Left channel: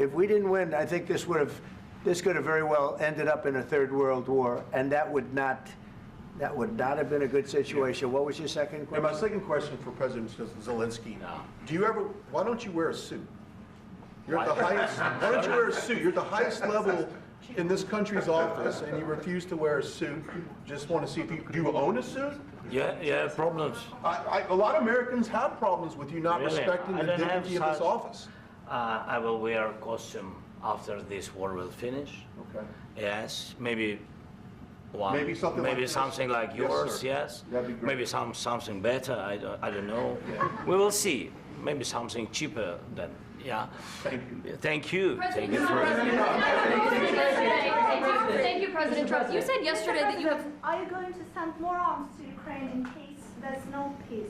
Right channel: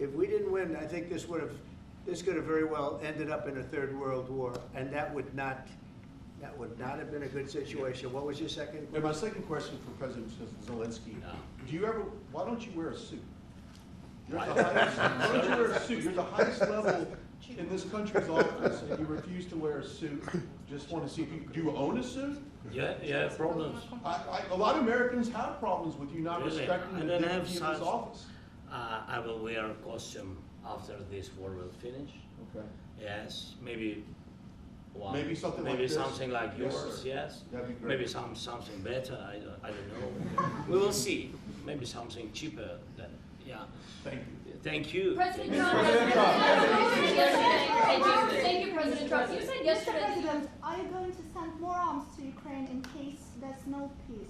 If we didn't win, I think this could have very well ended up in a third world war, and that would not have been a good situation. What was your second question? My second question for President Zelensky. Why don't you wear a suit? You're at the highest, why don't you wear a suit? You're at the highest level in this country's office, and you refuse to wear a suit. Just want to see if do you own a suit? Yeah, problems. A lot of Americans have problems with you not Really? respecting the dignity of this office. I will wear a costume after this war will finish. Okay. Yes, maybe one. Maybe something like this. Something like yours. Sir. Yes. That'd be great. Maybe something better. I don't know. We will see. Maybe something cheaper than. Yeah. Thank you. Thank you. President Thank you. Thank you, President Trump. You said yesterday that you have. Are you going to send more arms to Ukraine in case there's no peace?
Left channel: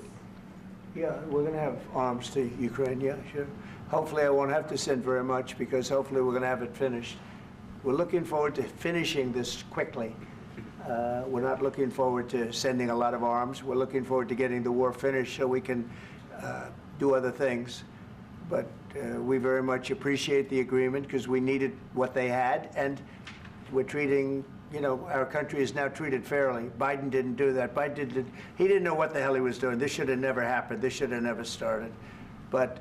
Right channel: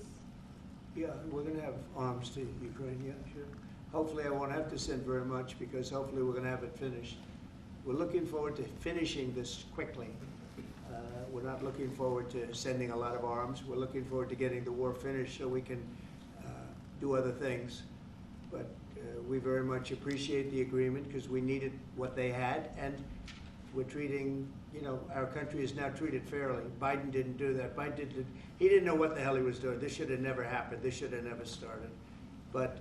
Yeah, we're going to have arms to Ukraine, yeah, sure. Hopefully I won't have to send very much, because hopefully we're going to have it finished. We're looking forward to finishing this quickly. We're not looking forward to sending a lot of arms. We're looking forward to getting the war finished so we can do other things. But we very much appreciate the agreement, because we needed what they had, and we're treating, our country is now treated fairly. Biden didn't do that. He didn't know what the hell he was doing. This should have never happened. This should have never started. But,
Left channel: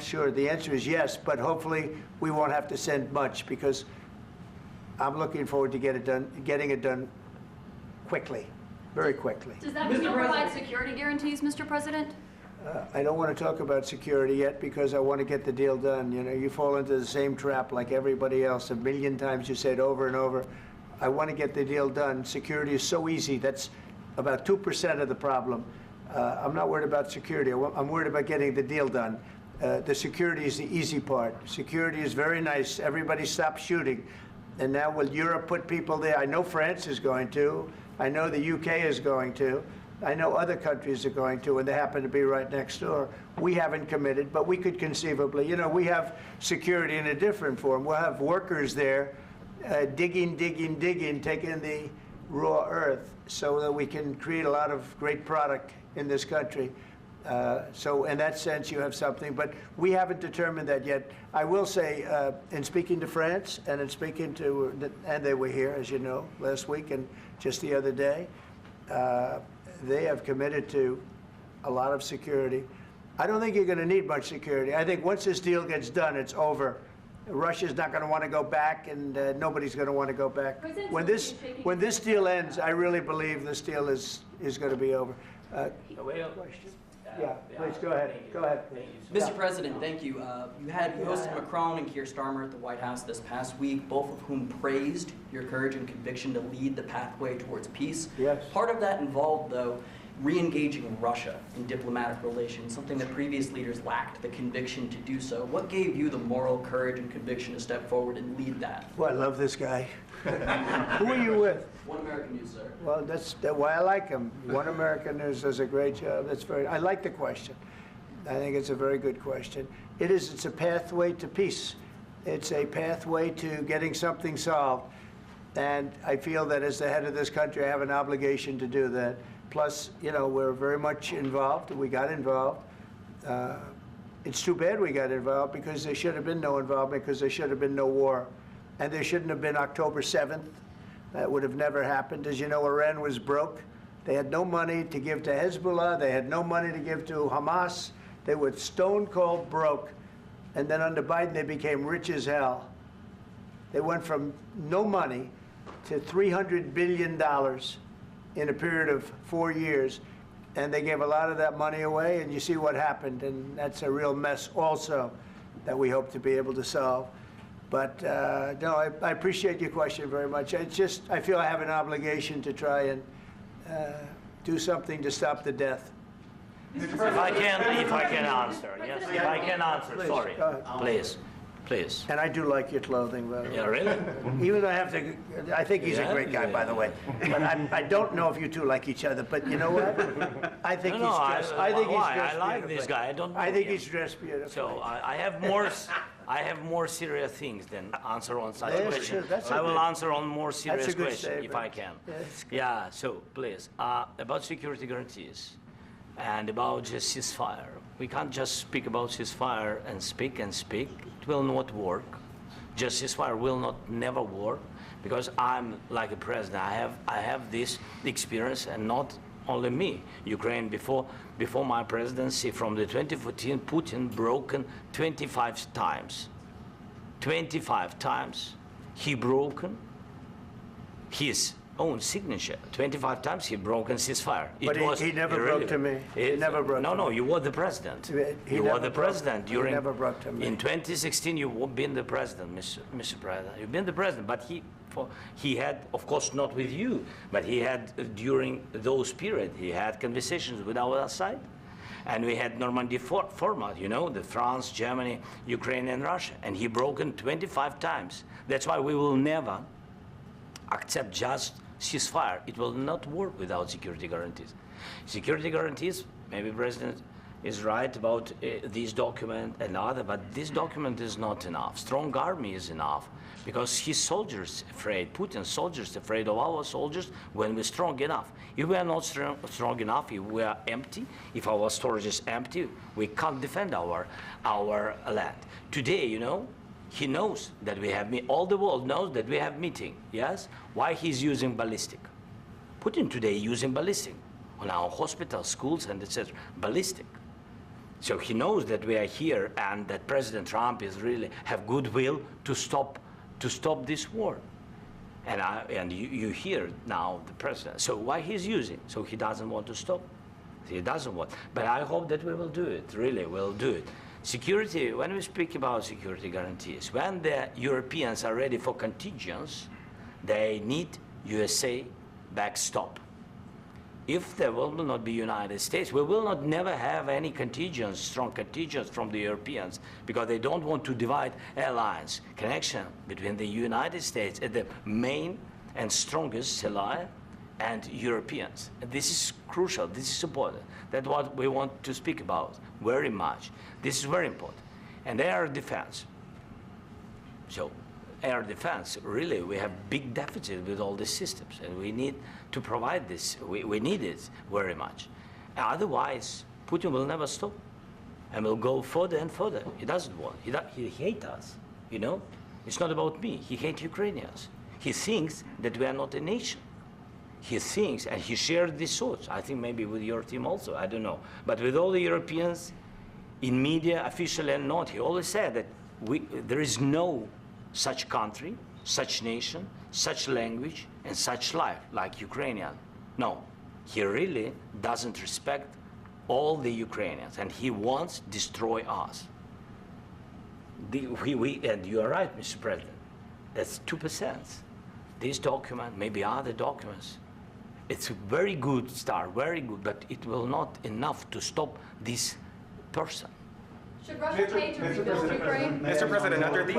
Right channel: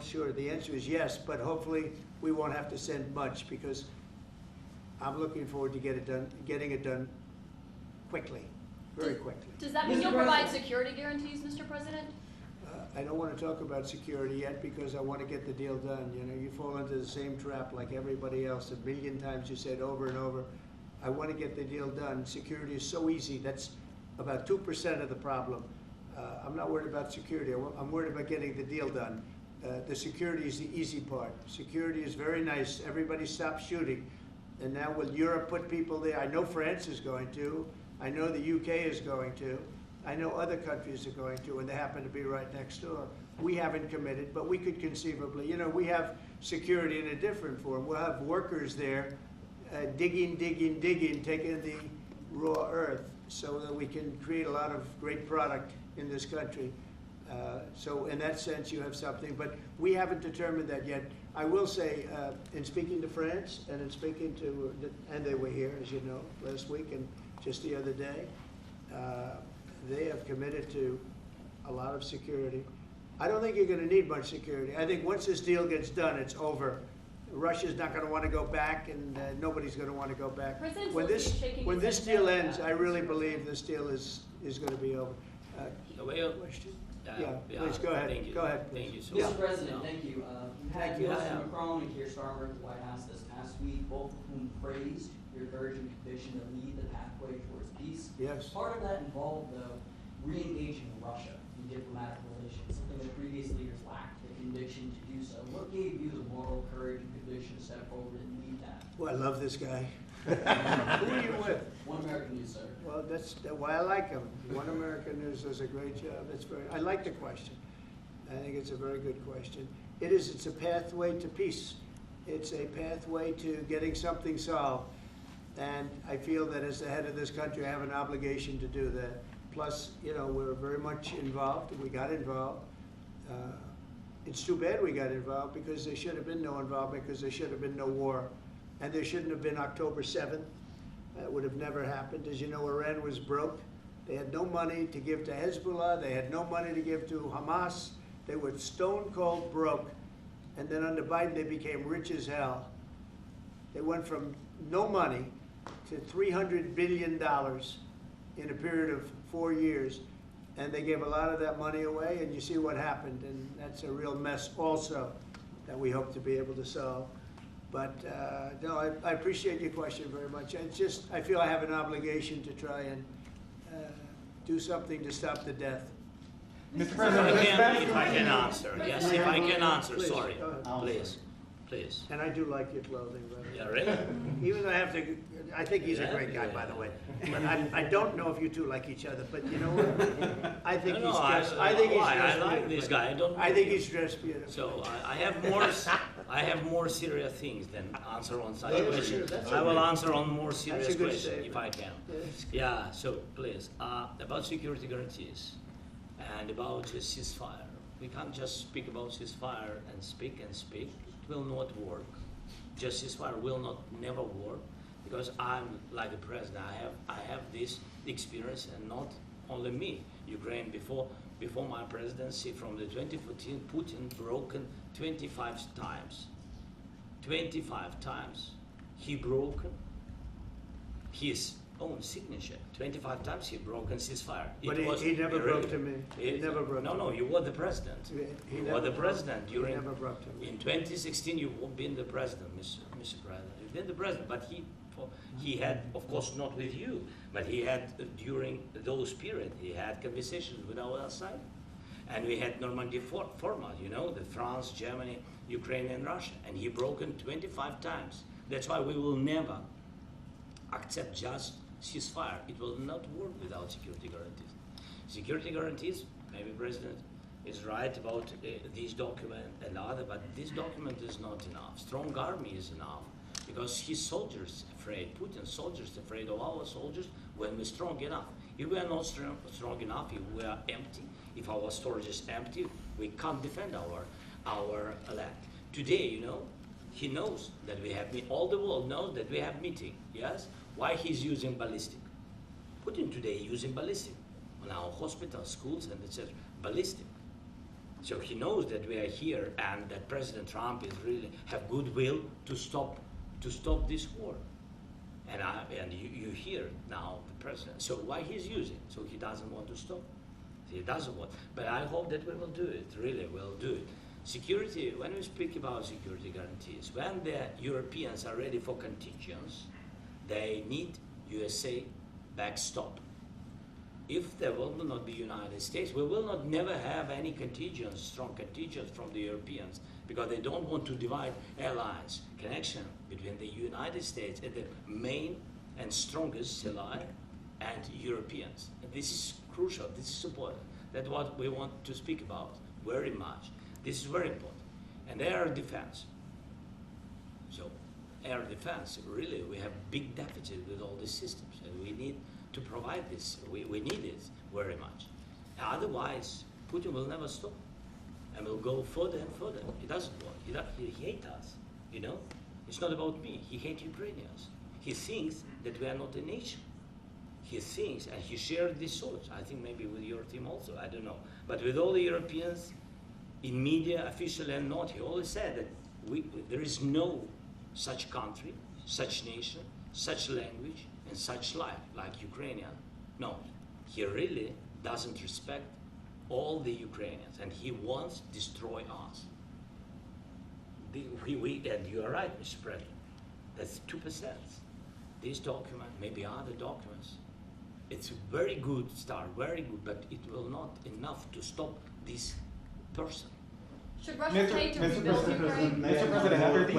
sure, the answer is yes, but hopefully we won't have to send much, because I'm looking forward to getting it done quickly, very quickly. Does that mean you'll provide security guarantees, Mr. President? I don't want to talk about security yet, because I want to get the deal done. You fall into the same trap like everybody else. A million times you say it over and over. I want to get the deal done. Security is so easy. That's about 2% of the problem. I'm not worried about security. I'm worried about getting the deal done. The security is the easy part. Security is very nice. Everybody stopped shooting. And now will Europe put people there? I know France is going to. I know the UK is going to. I know other countries are going to, and they happen to be right next door. We haven't committed, but we could conceivably. We have security in a different form. We'll have workers there digging, taking the raw earth so that we can create a lot of great product in this country. So in that sense, you have something, but we haven't determined that yet. I will say, in speaking to France and in speaking to, and they were here, as you know, last week and just the other day, they have committed to a lot of security. I don't think you're going to need much security. I think once this deal gets done, it's over. Russia's not going to want to go back, and nobody's going to want to go back. When this deal ends, I really believe this deal is going to be over. Question? Yeah, please go ahead. Go ahead. Thank you, Mr. President, thank you. You had Mr. Macron and Keir Starmer at the White House this past week, both of whom praised your courage and conviction to lead the pathway towards peace. Yes. Part of that involved, though, re-engaging Russia in diplomatic relations, something that previous leaders lacked the conviction to do so. What gave you the moral courage and conviction to step forward and lead that? Well, I love this guy. Who are you with? One American News, sir. Well, that's why I like him. One American News does a great job. I like the question. I think it's a very good question. It's a pathway to peace. It's a pathway to getting something solved. And I feel that as the head of this country, I have an obligation to do that. Plus, we're very much involved. We got involved. It's too bad we got involved, because there should have been no involvement, because there should have been no war. And there shouldn't have been October 7th. That would have never happened. As you know, Iran was broke. They had no money to give to Hezbollah. They had no money to give to Hamas. They were stone cold broke. And then under Biden, they became rich as hell. They went from no money to $300 billion in a period of 4 years. And they gave a lot of that money away, and you see what happened. And that's a real mess also that we hope to be able to solve. But no, I appreciate your question very much. I feel I have an obligation to try and do something to stop the death. If I can answer, yes, if I can answer, Please, sorry, go ahead. please. And I do like your clothing, by the way. Yeah, really? Even though I think he's a Yeah, great guy, by the yeah. way. But I don't know if you two like each other. But you know what? I think No, he's no, dressed. I like this guy. I don't know I think him. he's dressed beautifully. So I have more serious things than answer on such Yeah, questions. sure, that's I will okay. answer on more serious That's a good questions if statement. I can. That's good. Yeah, so please, about security guarantees and about just ceasefire. We can't just speak about ceasefire and speak and speak. It will not work. Just ceasefire will not never work, because I'm like a president. I have this experience, and not only me. Ukraine before my presidency, from the 2014, Putin broken 25 times. 25 times he broken his own signature. 25 times he broken ceasefire. But he never broke to me. He never broke to me. No, you were the president. You were the president during. He never broke to me. In 2016, you've been the president, Mr. President. You've been the president, but he had, of course, not with you, but he had during those periods, he had conversations with our side, and we had Normandy format. You know, the France, Germany, Ukraine, and Russia, and he broken 25 times. That's why we will never accept just ceasefire. It will not work without security guarantees. Security guarantees, maybe President is right about this document and other, but this document is not enough. Strong army is enough, because his soldiers afraid, Putin's soldiers afraid of our soldiers when we're strong enough. If we are not strong enough, if we are empty, if our storage is empty, we can't defend our land. Today, you know, he knows that we have, all the world knows that we have meeting, yes? Why he's using ballistic? Putin today using ballistic on our hospitals, schools, and etc. Ballistic. So he knows that we are here, and that President Trump is really have goodwill to stop this war. And you hear now the president. So why he's using? So he doesn't want to stop. He doesn't want. But I hope that we will do it. Really, we'll do it. Security. When we speak about security guarantees, when the Europeans are ready for contingents, they need USA backstop. If there will not be United States, we will not never have any contingents, strong contingents from the Europeans, because they don't want to divide alliance, connection between the United States and the main and strongest ally and Europeans. And this is crucial, this is important. That's what we want to speak about very much. This is very important. And air defense. So air defense, really, we have big deficit with all these systems, and we need to provide this. We need it very much. Otherwise, Putin will never stop, and will go further and further. He doesn't want. He hates us, you know? It's not about me. He hates Ukrainians. He thinks that we are not a nation. He thinks, and he shared these thoughts, I think maybe with your team also, I don't know. But with all the Europeans, in media, officially and not, he always said that there is no such country, such nation, such language, and such life like Ukrainian. No, he really doesn't respect all the Ukrainians, and he wants to destroy us. And you are right, Mr. President, that's 2%. This document, maybe other documents, it's a very good start, very good, but it will not enough to stop this person. Should Russia pay to rebuild Ukraine? Mr. President, after these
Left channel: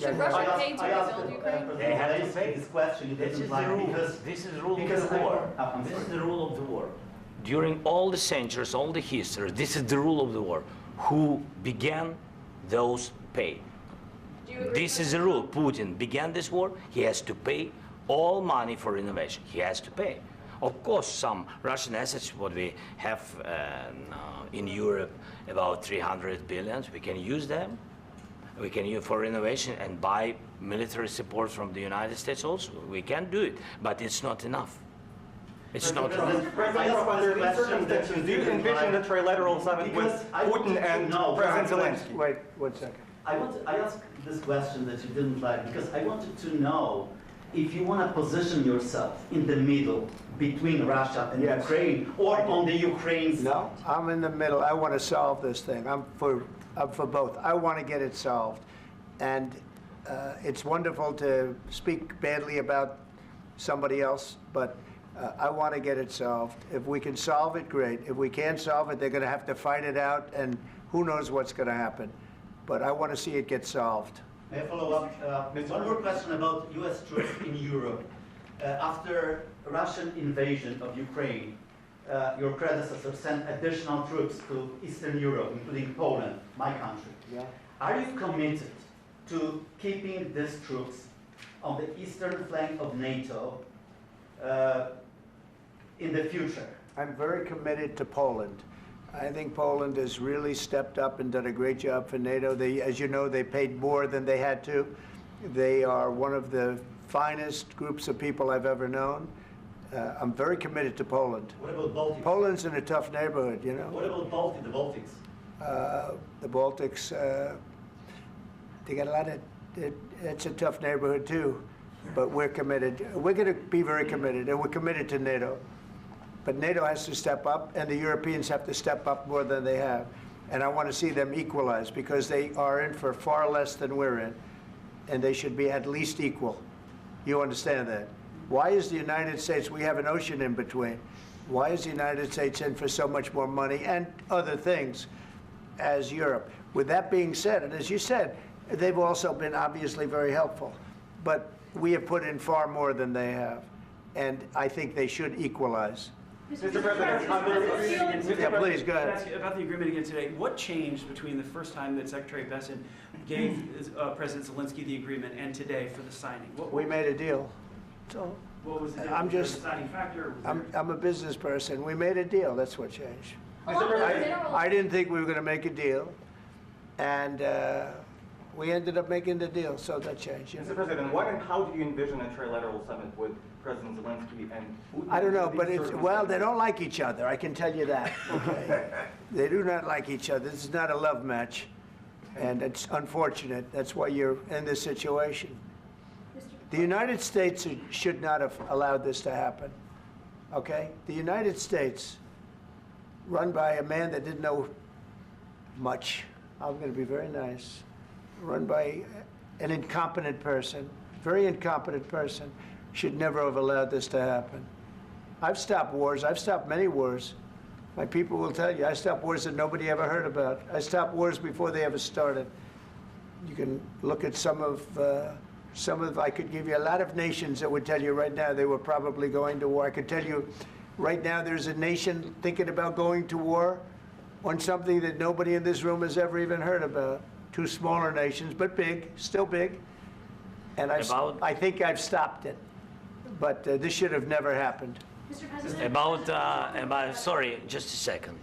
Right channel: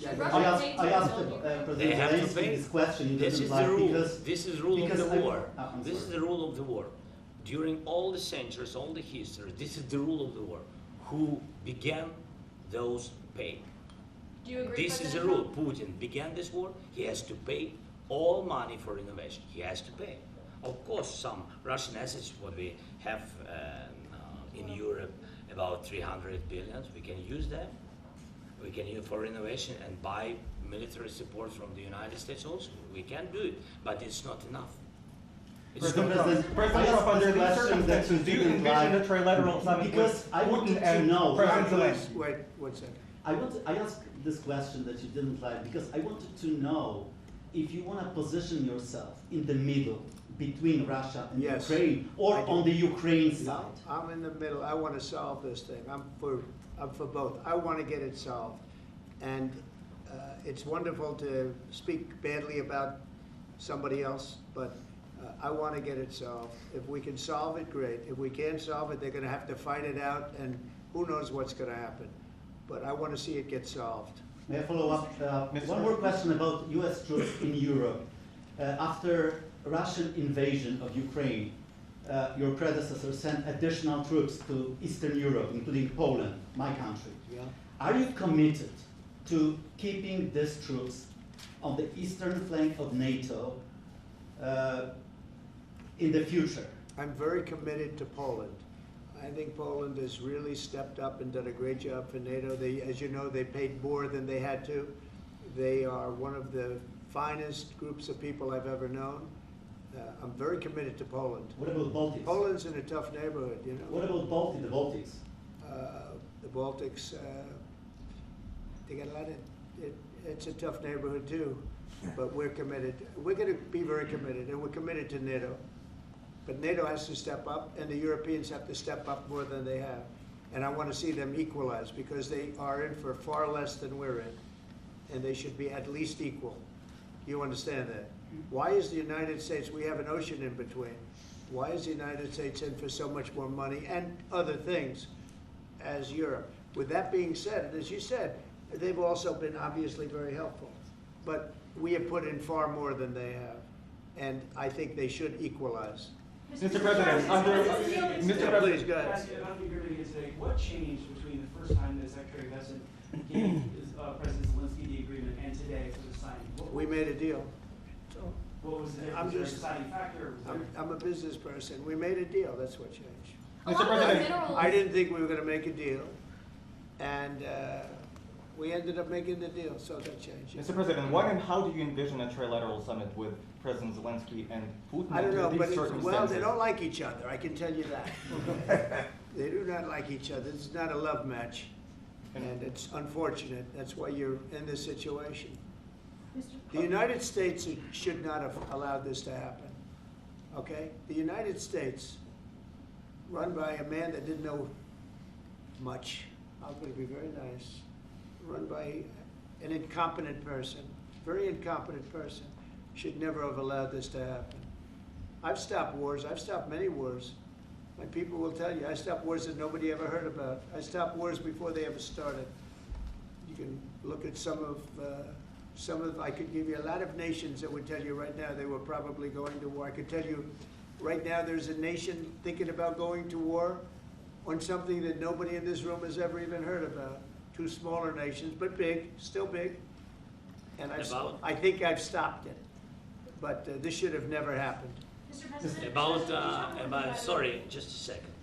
Should Russia pay to rebuild Ukraine? They have to pay. This question. This is the rule. This is the rule of the war. This is the rule of the war. During all the centuries, all the history, this is the rule of the war. Who began, those pay. Do you agree? This is the rule. Putin began this war. He has to pay all money for innovation. He has to pay. Of course, some Russian assets, what we have in Europe, about 300 billion, we can use them. We can use for innovation and buy military support from the United States also. We can do it, but it's not enough. It's not enough. President, under these circumstances, do you envision a trilateral summit with Putin and President Zelensky? Wait 1 second. I asked this question that you didn't like because I wanted to know if you want to position yourself in the middle between Russia and Yes. Ukraine, or on the Ukraine side. No, I'm in the middle. I want to solve this thing. I'm for both. I want to get it solved. And it's wonderful to speak badly about somebody else, but I want to get it solved. If we can solve it, great. If we can't solve it, they're going to have to fight it out, and who knows what's going to happen. But I want to see it get solved. May I follow up? One more question about US troops in Europe. After Russian invasion of Ukraine, your predecessor sent additional troops to Eastern Europe, including Poland, my country. Yeah. Are you committed to keeping these troops on the eastern flank of NATO in the future? I'm very committed to Poland. I think Poland has really stepped up and done a great job for NATO. They, as you know, they paid more than they had to. They are one of the finest groups of people I've ever known. I'm very committed to Poland. What about Baltics? Poland's in a tough neighborhood, you know. What about the Baltics? The Baltics, they got a lot of, it's a tough neighborhood too, but we're committed. We're going to be very committed, and we're committed to NATO. But NATO has to step up, and the Europeans have to step up more than they have. And I want to see them equalize, because they are in for far less than we're in, and they should be at least equal. You understand that? Why is the United States, we have an ocean in between, why is the United States in for so much more money and other things as Europe? With that being said, and as you said, they've also been obviously very helpful, but we have put in far more than they have, and I think they should equalize. Mr. President, under, Mr. Yeah, President, please, go Can I ahead. ask you about the agreement again today? What changed between the first time that Secretary Bessent gave President Zelensky the agreement and today for the signing? We made a deal. So What was the I'm was there a just- deciding factor? Was I'm a business person. We made a deal. That's what changed. Mr. President, I didn't think we were going to make a deal, and we ended up making the deal, so that changed. Mr. President, what and how do you envision a trilateral summit with President Zelensky and Putin? I don't know, under but these well, they circumstances? don't like each other. I can tell you that. Okay? They do not like each other. This is not a love match, and it's unfortunate. That's why you're in this situation. The United States should not have allowed this to happen. Okay? The United States, run by a man that didn't know much. I'm going to be very nice. Run by an incompetent person, very incompetent person, should never have allowed this to happen. I've stopped wars. I've stopped many wars. My people will tell you, I stopped wars that nobody ever heard about. I stopped wars before they ever started. You can look at some of, I could give you a lot of nations that would tell you right now they were probably going to war. I could tell you right now there's a nation thinking about going to war on something that nobody in this room has ever even heard about. Two smaller nations, but big, still big. And I think I've stopped it. But this should have never happened. Mr. President. About sorry, just a second.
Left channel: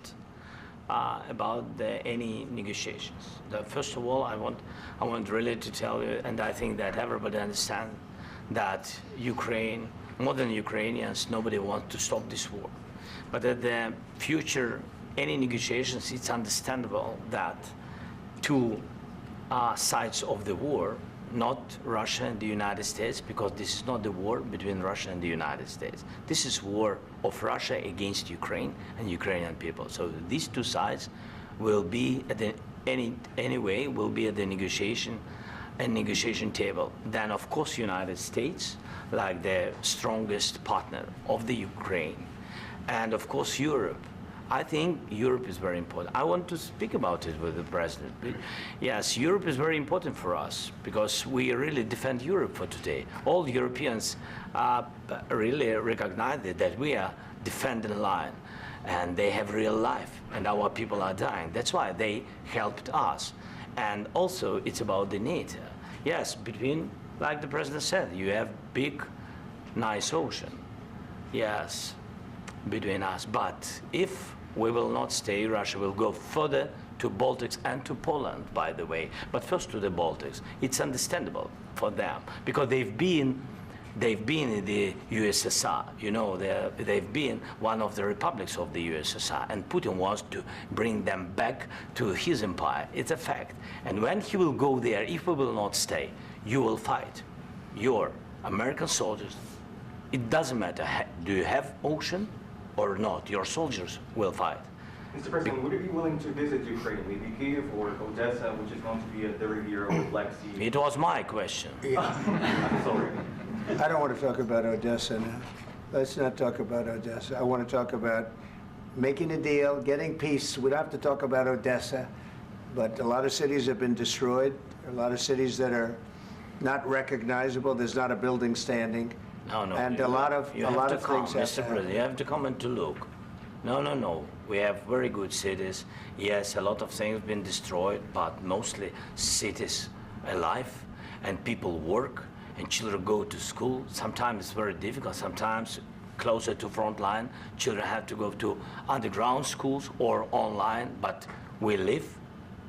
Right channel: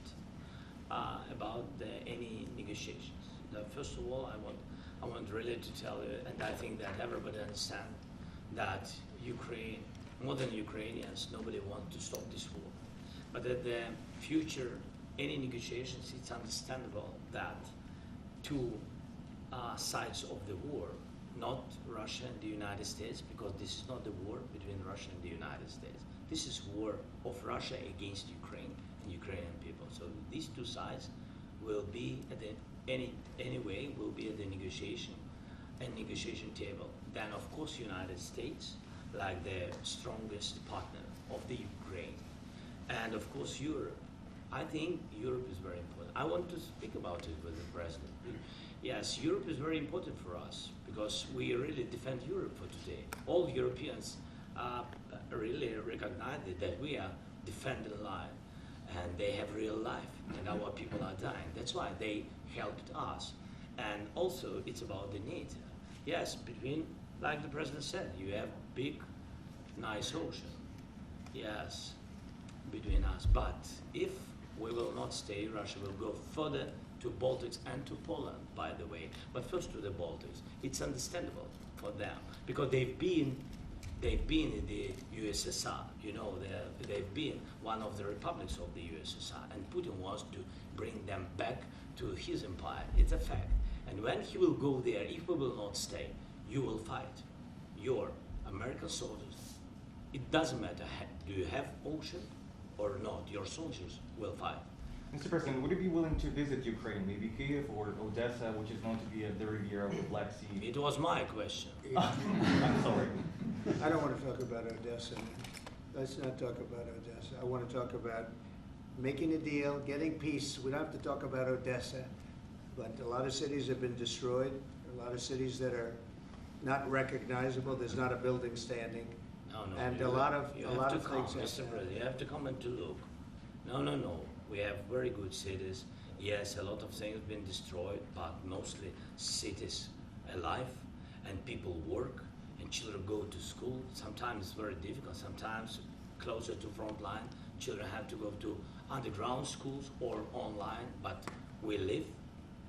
About any negotiations. First of all, I want really to tell you, and I think that everybody understands that Ukraine, more than Ukrainians, nobody wants to stop this war. But at the future, any negotiations, it's understandable that two sides of the war, not Russia and the United States, because this is not the war between Russia and the United States. This is war of Russia against Ukraine and Ukrainian people. So these two sides will be at the anyway will be at the negotiation table. Then of course United States, like the strongest partner of the Ukraine, and of course Europe. I think Europe is very important. I want to speak about it with the president. Yes, Europe is very important for us because we really defend Europe for today. All Europeans really recognize that we are defending line, and they have real life, and our people are dying. That's why they helped us. And also, it's about the NATO. Yes, between, like the president said, you have big, nice ocean. Yes, between us. But if we will not stay, Russia will go further to Baltics and to Poland, by the way. But first to the Baltics. It's understandable for them because they've been in the USSR. You know, they've been one of the republics of the USSR, and Putin wants to bring them back to his empire. It's a fact. And when he will go there, if we will not stay, you will fight. Your American soldiers, it doesn't matter, do you have ocean or not, your soldiers will fight. Mr. President, would you be willing to visit Ukraine, maybe Kyiv or Odessa, which is known to be at the Riviera or Black Sea? It was my question. I'm sorry. I don't want to talk about Odessa now. Let's not talk about Odessa. I want to talk about making a deal, getting peace. We don't have to talk about Odessa, but a lot of cities have been destroyed. A lot of cities that are not recognizable. There's not a building standing. No. And a lot of things have Mr. to President, happen. you have to come and to look. No. We have very good cities. Yes, a lot of things been destroyed, but mostly cities alive, and people work, and children go to school. Sometimes it's very difficult. Sometimes closer to front line. Children have to go to underground schools or online, but we live.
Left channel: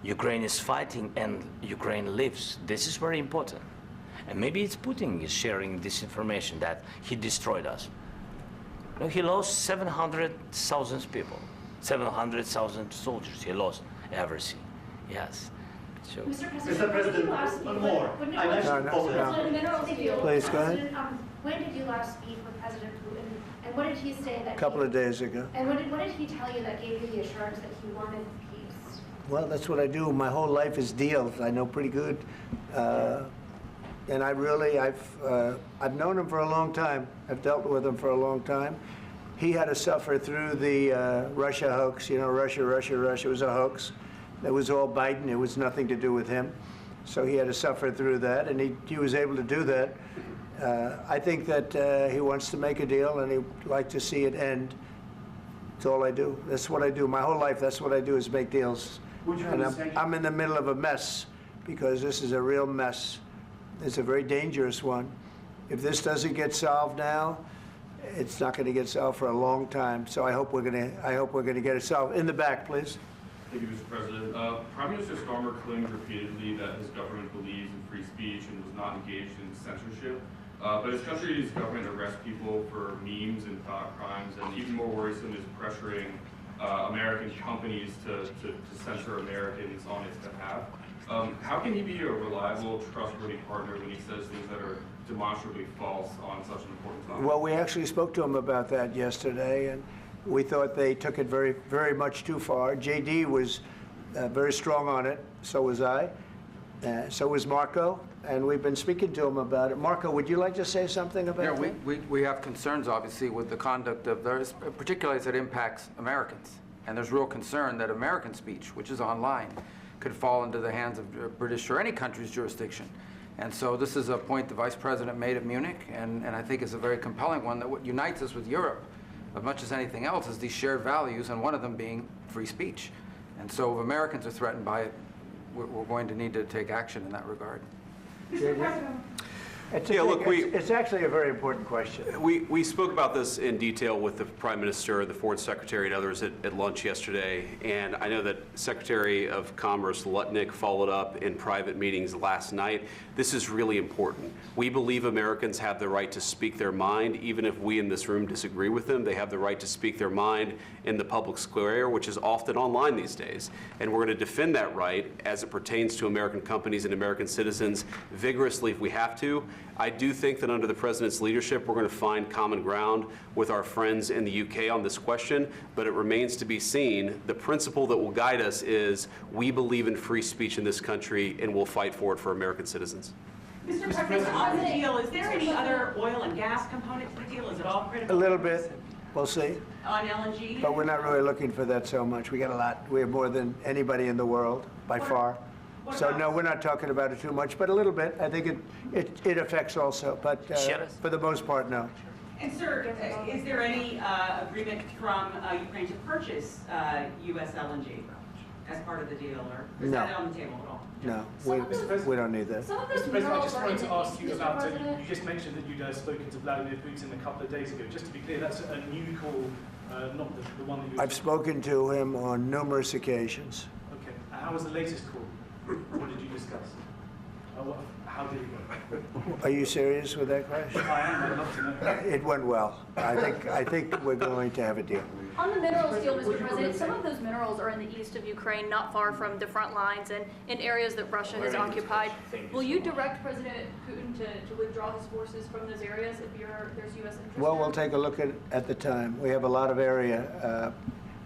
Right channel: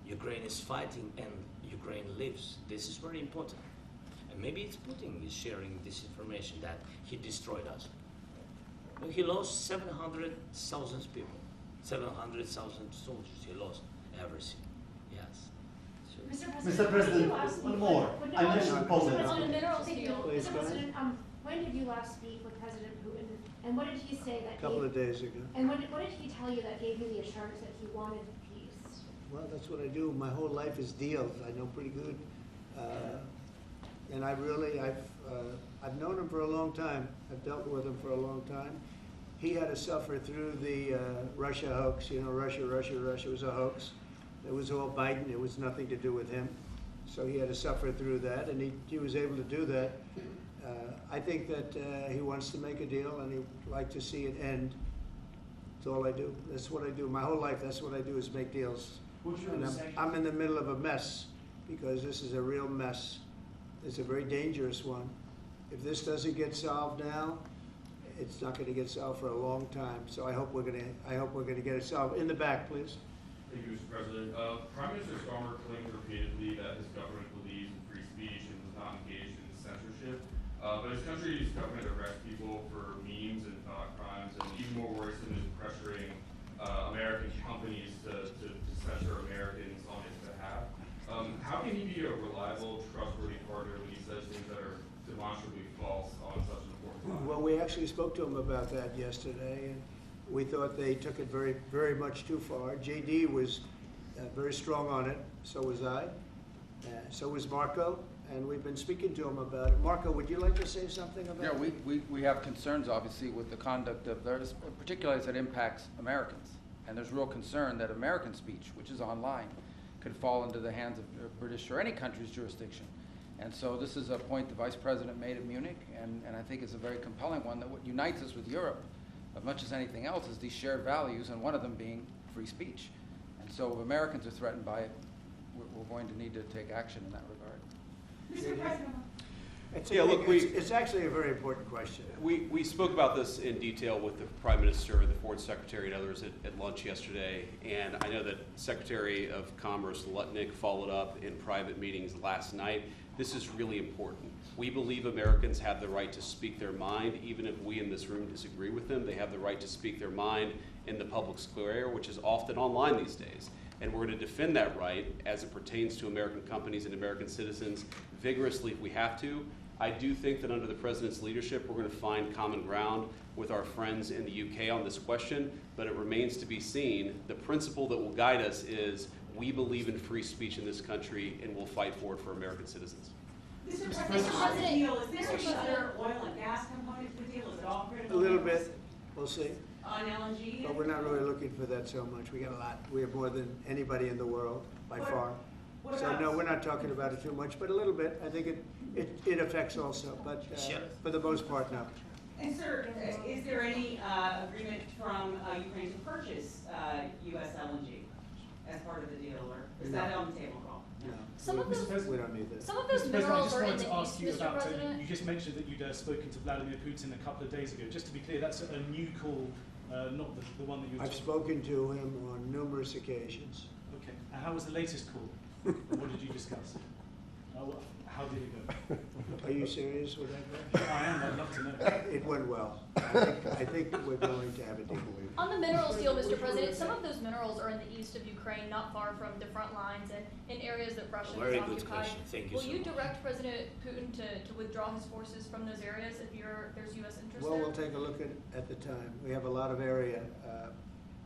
Ukraine is fighting and Ukraine lives. This is very important. And maybe it's Putin is sharing this information that he destroyed us. No, he lost 700,000 people, 700,000 soldiers. He lost everything. Yes. So, Mr. President, one more. I mentioned Poland. Please, go ahead. When did you last speak with President Putin, and what did he say that? A couple of days ago. And what did he tell you that gave you the assurance that he wanted peace? Well, that's what I do. My whole life is deals. I know pretty good. And I've known him for a long time. I've dealt with him for a long time. He had to suffer through the Russia hoax. You know, Russia was a hoax. It was all Biden. It was nothing to do with him. So he had to suffer through that, and he was able to do that. I think that he wants to make a deal, and he'd like to see it end. That's all I do. That's what I do. My whole life, that's what I do, is make deals. And I'm in the middle of a mess, because this is a real mess. It's a very dangerous one. If this doesn't get solved now, it's not going to get solved for a long time. So I hope we're going to get it solved. In the back, please. Thank you, Mr. President. Prime Minister Starmer claimed repeatedly that his government believes in free speech and was not engaged in censorship. But his country's government arrests people for memes and thought crimes, and even more worrisome is pressuring American companies to censor Americans on its behalf. How can he be a reliable, trustworthy partner when he says things that are demonstrably false on such an important topic? Well, we actually spoke to him about that yesterday, and we thought they took it very, very much too far. JD was very strong on it. So was I. So was Marco. And we've been speaking to him about it. Marco, would you like to say something about that? Yeah, we have concerns, obviously, with the conduct of those, particularly as it impacts Americans. And there's real concern that American speech, which is online, could fall into the hands of British or any country's jurisdiction. And so this is a point the Vice President made at Munich, and I think it's a very compelling one, that what unites us with Europe, as much as anything else, is these shared values, and one of them being free speech. And so if Americans are threatened by it, we're going to need to take action in that regard. Mr. President. It's actually a very important question. We spoke about this in detail with the Prime Minister, the Foreign Secretary, and others at lunch yesterday. And I know that Secretary of Commerce Lutnick followed up in private meetings last night. This is really important. We believe Americans have the right to speak their mind, even if we in this room disagree with them. They have the right to speak their mind in the public square, which is often online these days. And we're going to defend that right as it pertains to American companies and American citizens vigorously if we have to. I do think that under the President's leadership, we're going to find common ground with our friends in the UK on this question, but it remains to be seen. The principle that will guide us is we believe in free speech in this country, and we'll fight for it for American citizens. Mr. President, on the deal, is there any other oil and gas component to the deal? Is it all critical? A little bit. We'll see. On LNG? But we're not really looking for that so much. We got a lot. We have more than anybody in the world, by far. So no, we're not talking about it too much, but a little bit. I think it affects also, but for the most part, no. And sir, is there any agreement from Ukraine to purchase US LNG as part of the deal, or is that on the table at all? No, we don't need that. Some of those Mr. President, I minerals just are in wanted the to ask east, you Mr. about, President. you just mentioned that you'd spoken to Vladimir Putin a couple of days ago. Just to be clear, that's a new call, not the one that you... I've spoken to him on numerous occasions. Okay, and how was the latest call? What did you discuss? How did it go? Are you serious with that question? I am, I'd love to know. It went well. I think we're going to have a deal. On the minerals deal, Mr. President, some of those minerals are in the east of Ukraine, not far from the front lines and in areas that Russia has occupied. Will you direct President Putin to withdraw his forces from those areas if there's U.S. interest Well, there? we'll take a look at the time. We have a lot of area.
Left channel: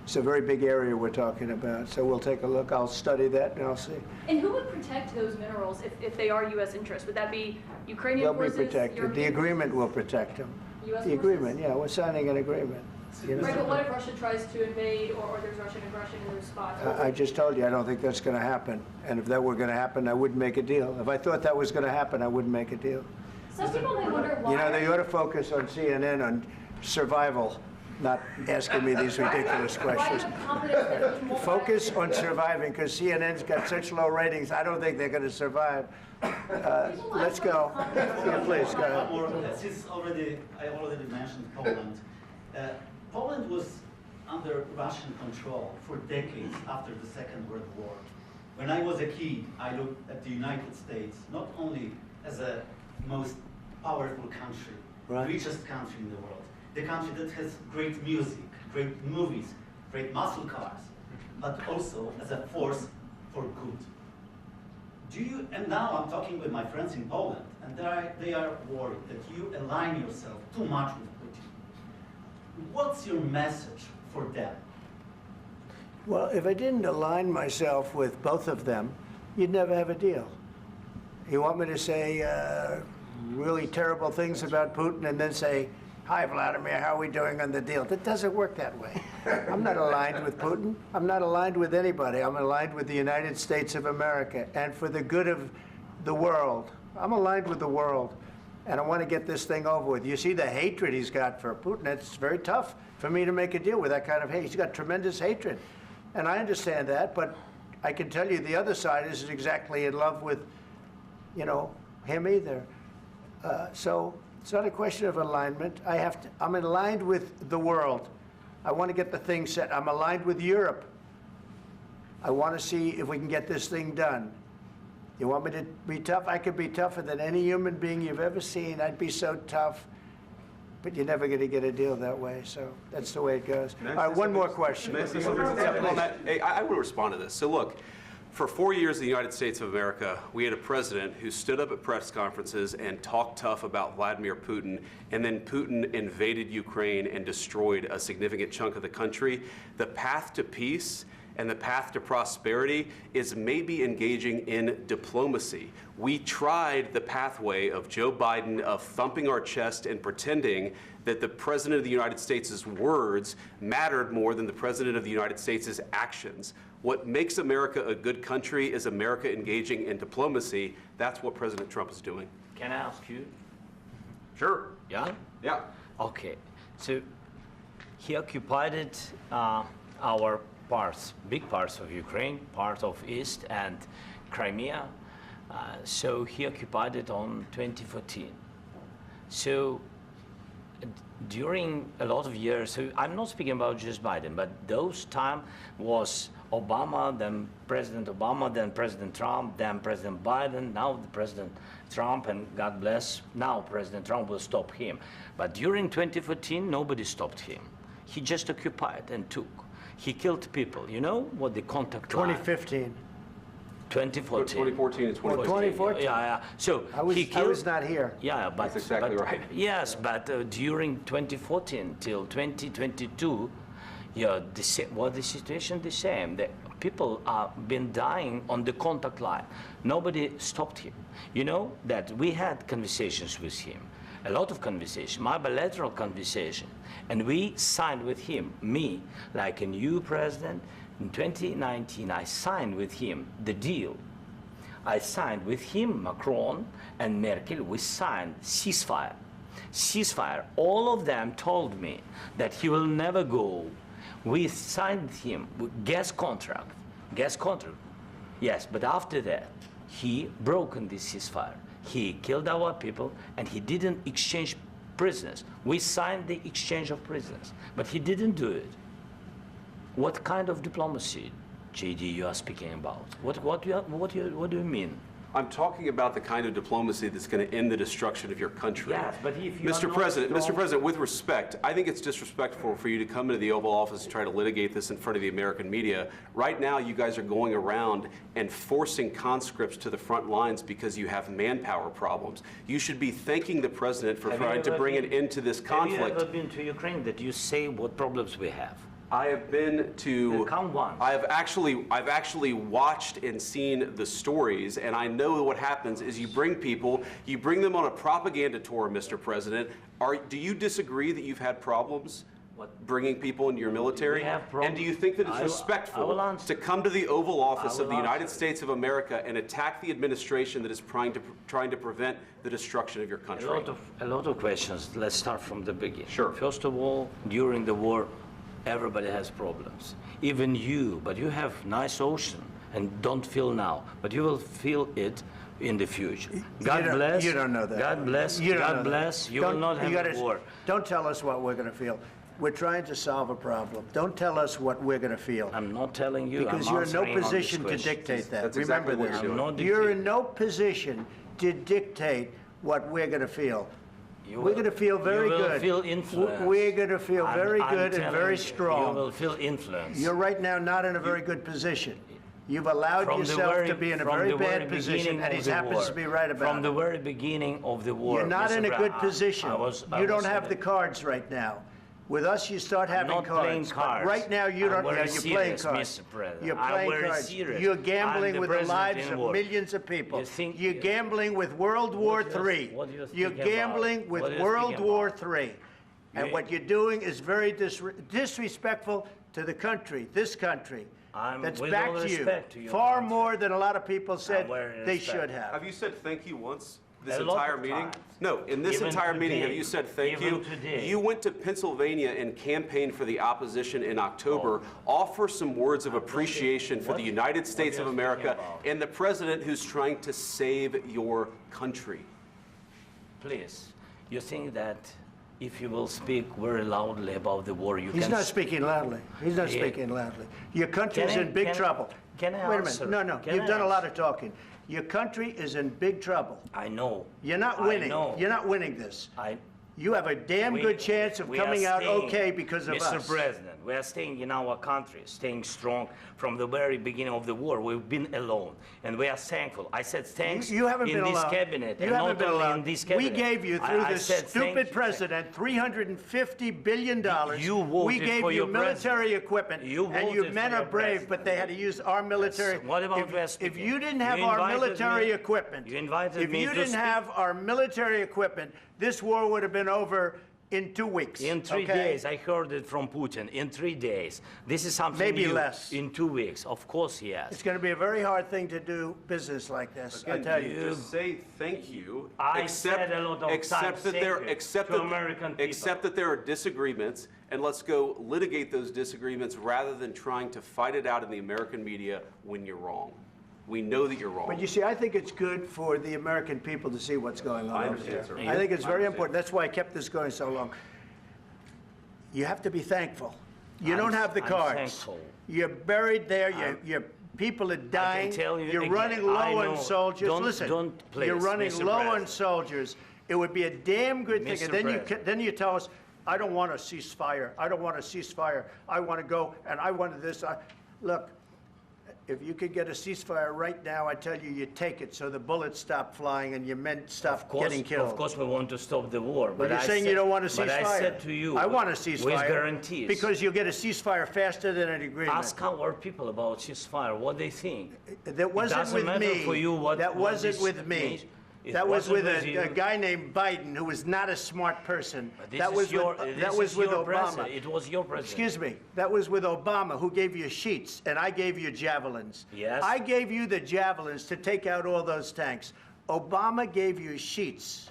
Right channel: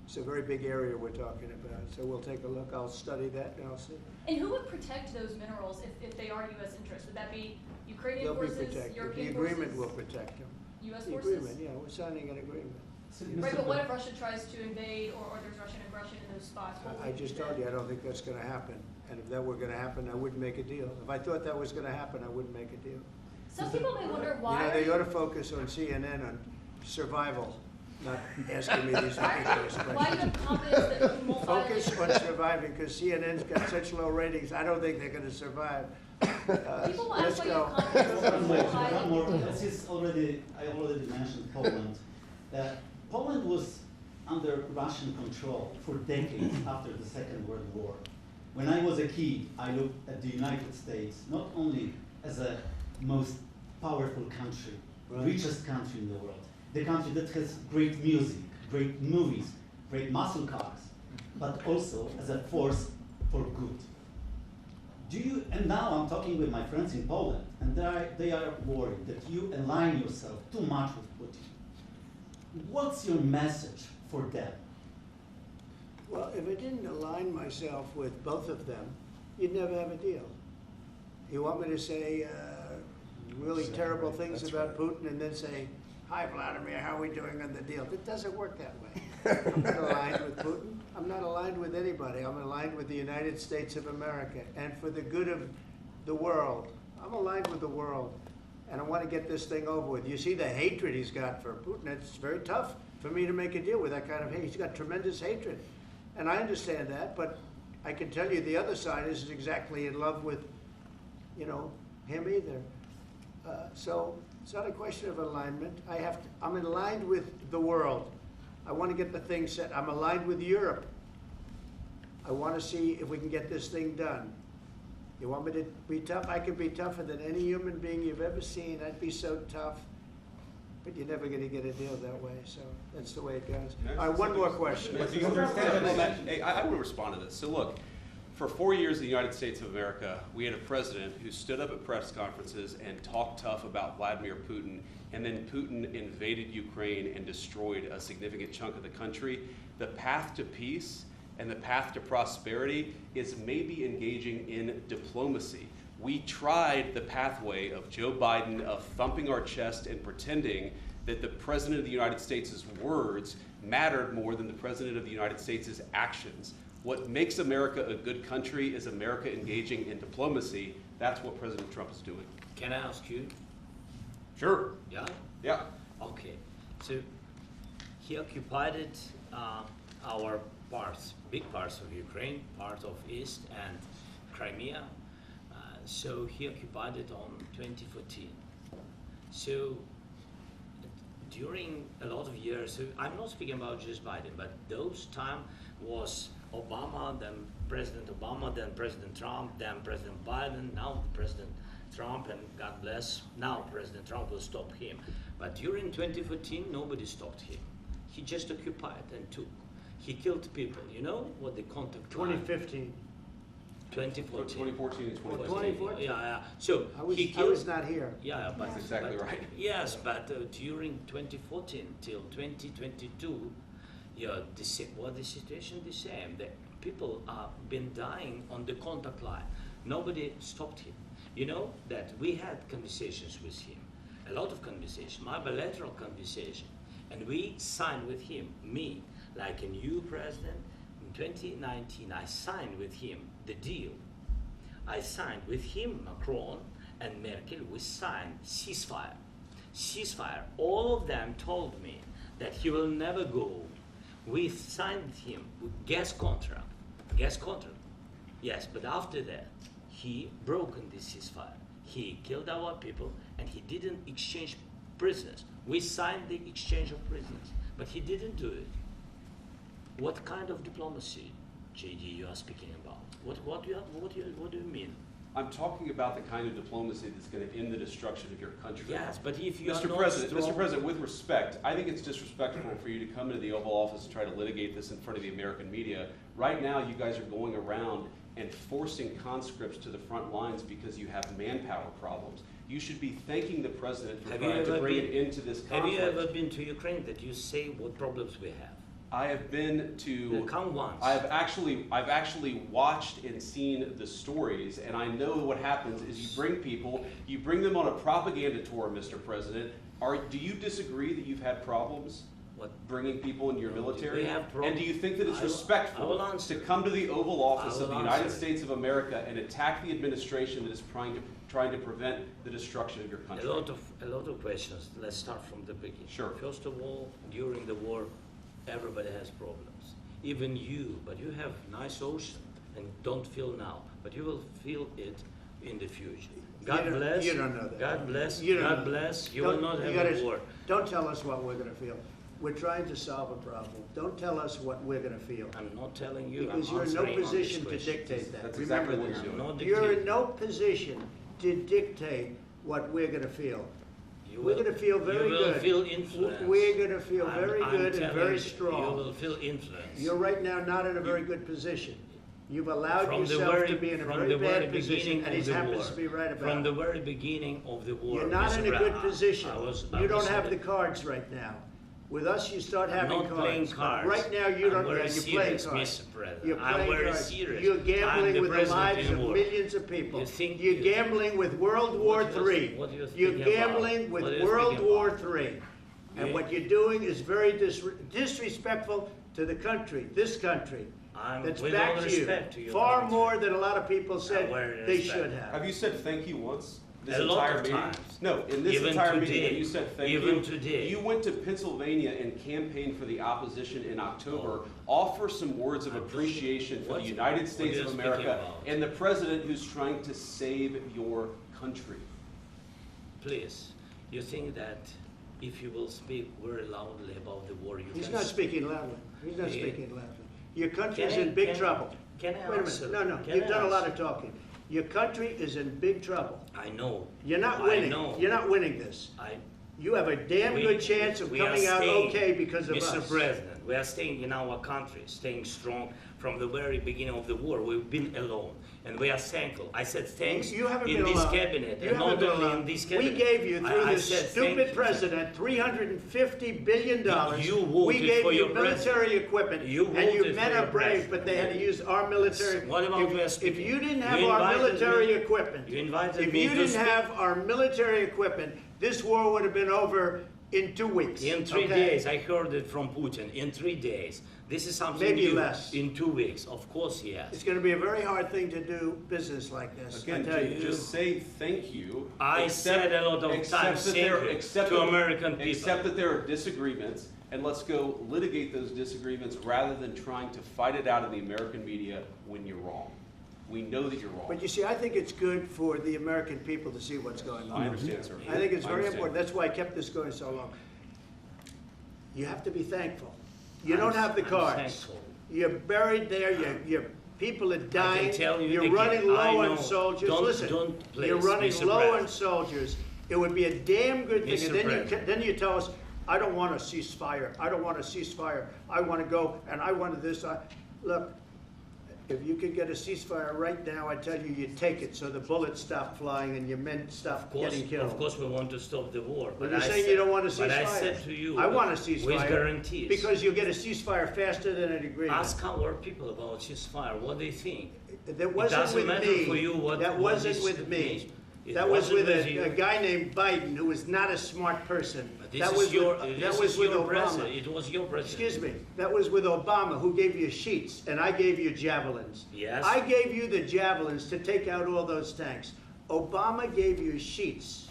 It's a very big area we're talking about, so we'll take a look. I'll study that and I'll see. And who would protect those minerals if they are U.S. interests? Would that be Ukrainian They'll be forces? protected. The European agreement forces? will protect them. U.S. The forces? agreement, yeah, we're signing an agreement. You know? Right, but what if Russia tries to invade or there's Russian aggression in those spots? I just told you, I don't think that's going to happen. And if that were going to happen, I wouldn't make a deal. If I thought that was going to happen, I wouldn't make a deal. Some people may wonder why. You know, they ought to focus on CNN on survival, not asking me these ridiculous questions. Focus on surviving, because CNN's got such low ratings, I don't think they're going to survive. Let's go. Please, go. One more. I already mentioned Poland. Poland was under Russian control for decades after the Second World War. When I was a kid, I looked at the United States not only as a most powerful country, richest country in the world, the country that has great music, great movies, great muscle cars, but also as a force for good. And now I'm talking with my friends in Poland, and they are worried that you align yourself too much with Putin. What's your message for them? Well, if I didn't align myself with both of them, you'd never have a deal. You want me to say really terrible things about Putin and then say, "Hi, Vladimir, how are we doing on the deal?" That doesn't work that way. I'm not aligned with Putin. I'm not aligned with anybody. I'm aligned with the United States of America and for the good of the world. I'm aligned with the world, and I want to get this thing over with. You see the hatred he's got for Putin. It's very tough for me to make a deal with that kind of hate. He's got tremendous hatred, and I understand that, but I can tell you the other side isn't exactly in love with, him either. So it's not a question of alignment. I'm aligned with the world. I want to get the thing set. I'm aligned with Europe. I want to see if we can get this thing done. You want me to be tough? I could be tougher than any human being you've ever seen. I'd be so tough. But you're never going to get a deal that way. So that's the way it goes. All right, one more question. Hey, I want to respond to this. So look, for 4 years in the United States of America, we had a president who stood up at press conferences and talked tough about Vladimir Putin, and then Putin invaded Ukraine and destroyed a significant chunk of the country. The path to peace and the path to prosperity is maybe engaging in diplomacy. We tried the pathway of Joe Biden of thumping our chest and pretending that the President of the United States' words mattered more than the President of the United States' actions. What makes America a good country is America engaging in diplomacy. That's what President Trump is doing. Can I ask you? Sure. Yeah? Yeah. Okay. So he occupied our parts, big parts of Ukraine, part of East and Crimea. So he occupied it on 2014. So during a lot of years, so I'm not speaking about just Biden, but those time was Obama, then President Obama, then President Trump, then President Biden, now President Trump, and God bless, now President Trump will stop him. But during 2014, nobody stopped him. He just occupied and took. He killed people. You know what the contact line? 2015. 2014. 2014 and 2015. 2014. Yeah. So I was not here. Yeah, but that's exactly right. Yes, but during 2014 till 2022, yeah, the situation the same. The people are been dying on the contact line. Nobody stopped him. You know that we had conversations with him, a lot of conversation, my bilateral conversation, and we signed with him. Me, like a new president. In 2019, I signed with him the deal. I signed with him, Macron and Merkel, we signed ceasefire. Ceasefire. All of them told me that he will never go. We signed with him with gas contract. Gas contract. Yes, but after that, he broken this ceasefire. He killed our people and he didn't exchange prisoners. We signed the exchange of prisoners, but he didn't do it. What kind of diplomacy, JD, you are speaking about? What do you mean? I'm talking about the kind of diplomacy that's going to end the destruction of your country. Yes, but if you Mr. President, with respect, I think it's disrespectful for you to come into the Oval Office and try to litigate this in front of the American media. Right now, you guys are going around and forcing conscripts to the front lines because you have manpower problems. You should be thanking the President for trying to bring an end to this conflict. Have you ever been to Ukraine that you say what problems we have? I have been to. Count once. I've actually watched and seen the stories, and I know what happens is you bring them on a propaganda tour, Mr. President. Do you disagree that you've had problems bringing people into your military? And do you think that it's respectful to come to the Oval Office of the United States of America and attack the administration that is trying to prevent the destruction of your country? A lot of questions. Let's start from the beginning. Sure. First of all, during the war, everybody has problems. Even you, but you have nice ocean and don't feel now, but you will feel it in the future. God bless. You don't know that. God bless. You don't God know bless. that. You will not have a war. Don't tell us what we're going to feel. We're trying to solve a problem. Don't tell us what we're going to feel. I'm not telling you. Because I'm you're in no answering on this position to question. dictate that. That's Remember exactly what this. you're doing. I'm not You're in dictating. no position to dictate what we're going to feel. You We're will- going to feel very you will good. feel influenced. We're going to feel I'm- very I'm good and telling very you, strong. You will feel influence. You're right now not in a very good position. You've allowed From the yourself very- to be in a from very the very bad position, beginning and of he the happens war. to be right about From the it. very beginning of the war. You're not Mr. in a good Brown, position. I You was don't have the saying- cards right now. With us, you start I'm having not playing cards. But cards. right now, you I'm don't. very Yeah, you're playing serious, cards. Mr. President. You're I'm playing very cards. serious. You're I'm gambling the with the president lives in of war. millions of people. You think- You're gambling with World War What do you- III. what do you You're think about? gambling with What do you World think War about? III. And You- what you're doing is very disrespectful to the country, this country. I'm That's with all backed you respect to your far country. more than a lot of people said very they respect. should have. Have you said thank you once this A lot entire of meeting? times. No, in this Even entire meeting, today. have you said thank Even you? today. You went to Pennsylvania and campaigned for the opposition in October. Offer some words of appreciation for the What- United States what of are you speaking America about? and the president who's trying to save your country. Please, you think that if you will speak very loudly about the war, you He's can... not speaking loudly. He's not Yeah. speaking loudly. Your country's Can I- in big can I- trouble. can I Wait a answer? minute. No, Can you've I done a lot answer? of talking. Your country is in big trouble. I know. You're not I winning. know. You're not winning this. You have a damn good chance of we are coming out staying, okay because of Mr. us. President, we are staying in our country, staying strong from the very beginning of the war. We've been alone, and we are thankful. I said thanks You haven't in been this alone. cabinet, You and haven't not been only alone. in this We cabinet. gave you, through I this said thank stupid you. president, $350 billion. You voted We gave for you your military president. equipment, You and you voted men for are your brave, president. but they had to use our military. What about we are If speaking? you didn't have You our invited military me- equipment, you invited if me you to didn't speak. have our military equipment, this war would have been over in 2 weeks. In 3 okay? days, I heard it from Putin. In 3 days, this is something Maybe new. less. In 2 weeks, of course, yes. It's going to be a very hard thing to do business like this. I Again, tell you. just say thank you. I said a lot of accept times that thank there, you accept to that, American people. Accept that there are disagreements, and let's go litigate those disagreements rather than trying to fight it out in the American media when you're wrong. We know that you're wrong. But you see, I think it's good for the American people to see what's going on. I understand, sir. I think it's I very understand. important. That's why I kept this going so long. You have to be thankful. You I'm- don't have the I'm cards. thankful. You're buried there. Your people are dying. tell you You're again, running I low know. on soldiers. Don't- Listen, don't, please, you're running Mr. low on President. soldiers. It would be a damn good thing. Mr. And then President. then you tell us, I don't want a ceasefire. I don't want a ceasefire. I want to go and I want this. Look, if you could get a ceasefire right now, I tell you, you take it so the bullets stop flying and your men stop getting killed. Of course, we want to stop the war. But you're I saying said- you don't want a ceasefire. But I said to you, I want a with ceasefire. guarantees. Because you'll get a ceasefire faster than an agreement. Ask our people about ceasefire, what they think. That wasn't doesn't with matter me. for you what- That what wasn't this with me. means. It That was wasn't with with you. a guy named Biden who was not a smart person. This That is was your, with, this that is was with your Obama. president. It was your president. Excuse me. That was with Obama, who gave you sheets, and I gave you javelins. Yes. I gave you the javelins to take out all those tanks. Obama gave you sheets.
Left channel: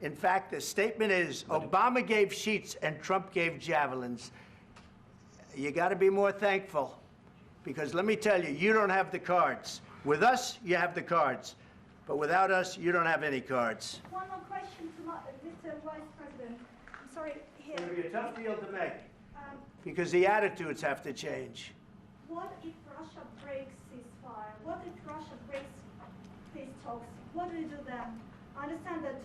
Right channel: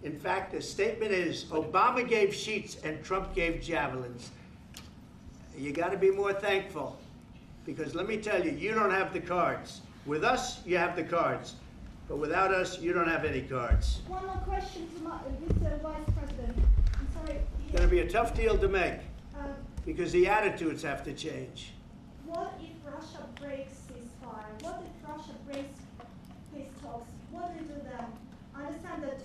In fact, the statement is Obama gave sheets and Trump gave javelins. You got to be more thankful, because let me tell you, you don't have the cards. With us, you have the cards. But without us, you don't have any cards. One more question to Mr. Vice President. I'm sorry. It's going to be a tough deal to make, Um, because the attitudes have to change. What if Russia breaks ceasefire? What if Russia breaks peace talks? What do we do then? I understand that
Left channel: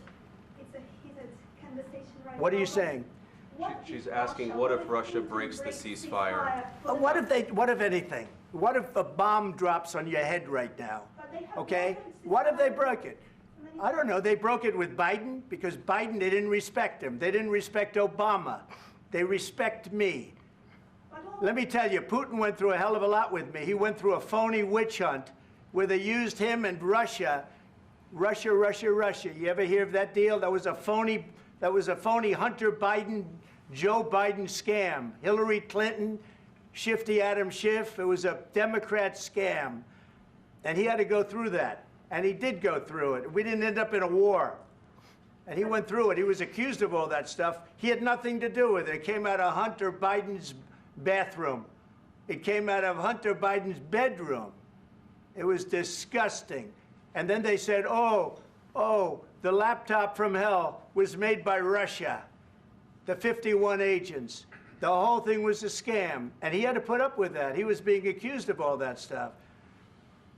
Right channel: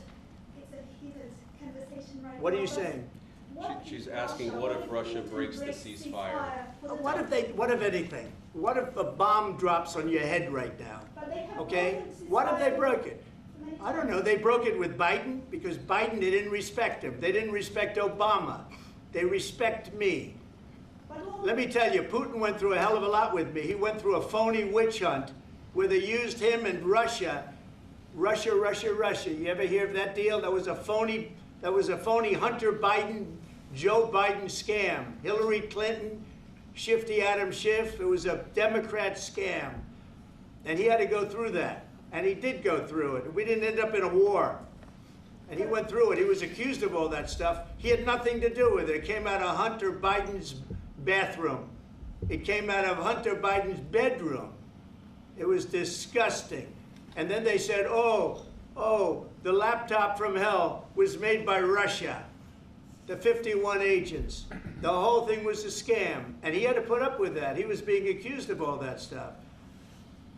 it's a heated conversation right now. What are you but saying? what She's if asking, Russia- what if if Russia Putin breaks the breaks ceasefire? What if anything? What if a bomb drops on your head right now? But they have Okay? broken What if they ceasefire broke it? many I don't know. They broke it with Biden because Biden, they didn't respect him. They didn't respect Obama. They respect me. Let me tell you, Putin went through a hell of a lot with me. He went through a phony witch hunt where they used him and Russia. Russia. You ever hear of that deal? That was a phony Hunter Biden, Joe Biden scam. Hillary Clinton, Shifty Adam Schiff. It was a Democrat scam. And he had to go through that. And he did go through it. We didn't end up in a war. And he went through it. He was accused of all that stuff. He had nothing to do with it. It came out of Hunter Biden's bathroom. It came out of Hunter Biden's bedroom. It was disgusting. And then they said, oh, the laptop from hell was made by Russia. the 51 agents. The whole thing was a scam, and he had to put up with that. He was being accused of all that stuff.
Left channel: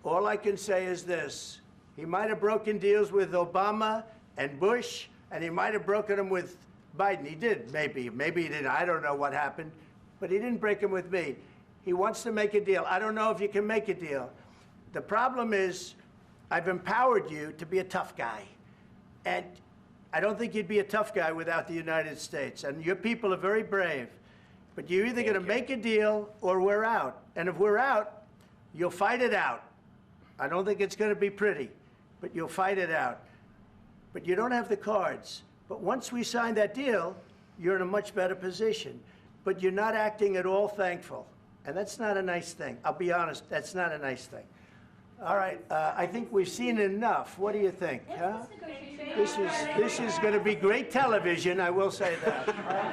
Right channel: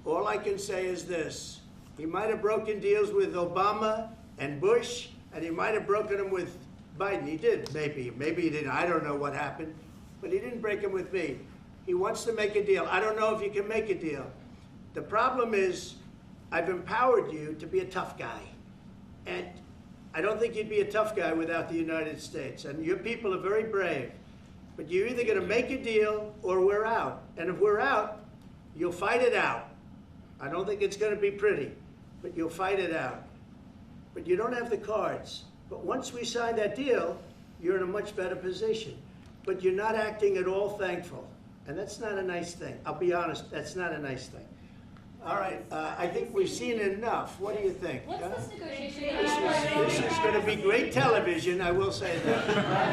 All I can say is this. He might have broken deals with Obama and Bush, and he might have broken them with Biden. He did, maybe. Maybe he didn't. I don't know what happened. But he didn't break them with me. He wants to make a deal. I don't know if you can make a deal. The problem is, I've empowered you to be a tough guy. And I don't think you'd be a tough guy without the United States. And your people are very brave. But you're either going to make a deal or we're out. And if we're out, you'll fight it out. I don't think it's going to be pretty, but you'll fight it out. But you don't have the cards. But once we sign that deal, you're in a much better position. But you're not acting at all thankful. And that's not a nice thing. I'll be honest, that's not a nice thing. All right, I think we've seen enough. What do you think? What's huh? this negotiation? This is going to be great television, I will say that.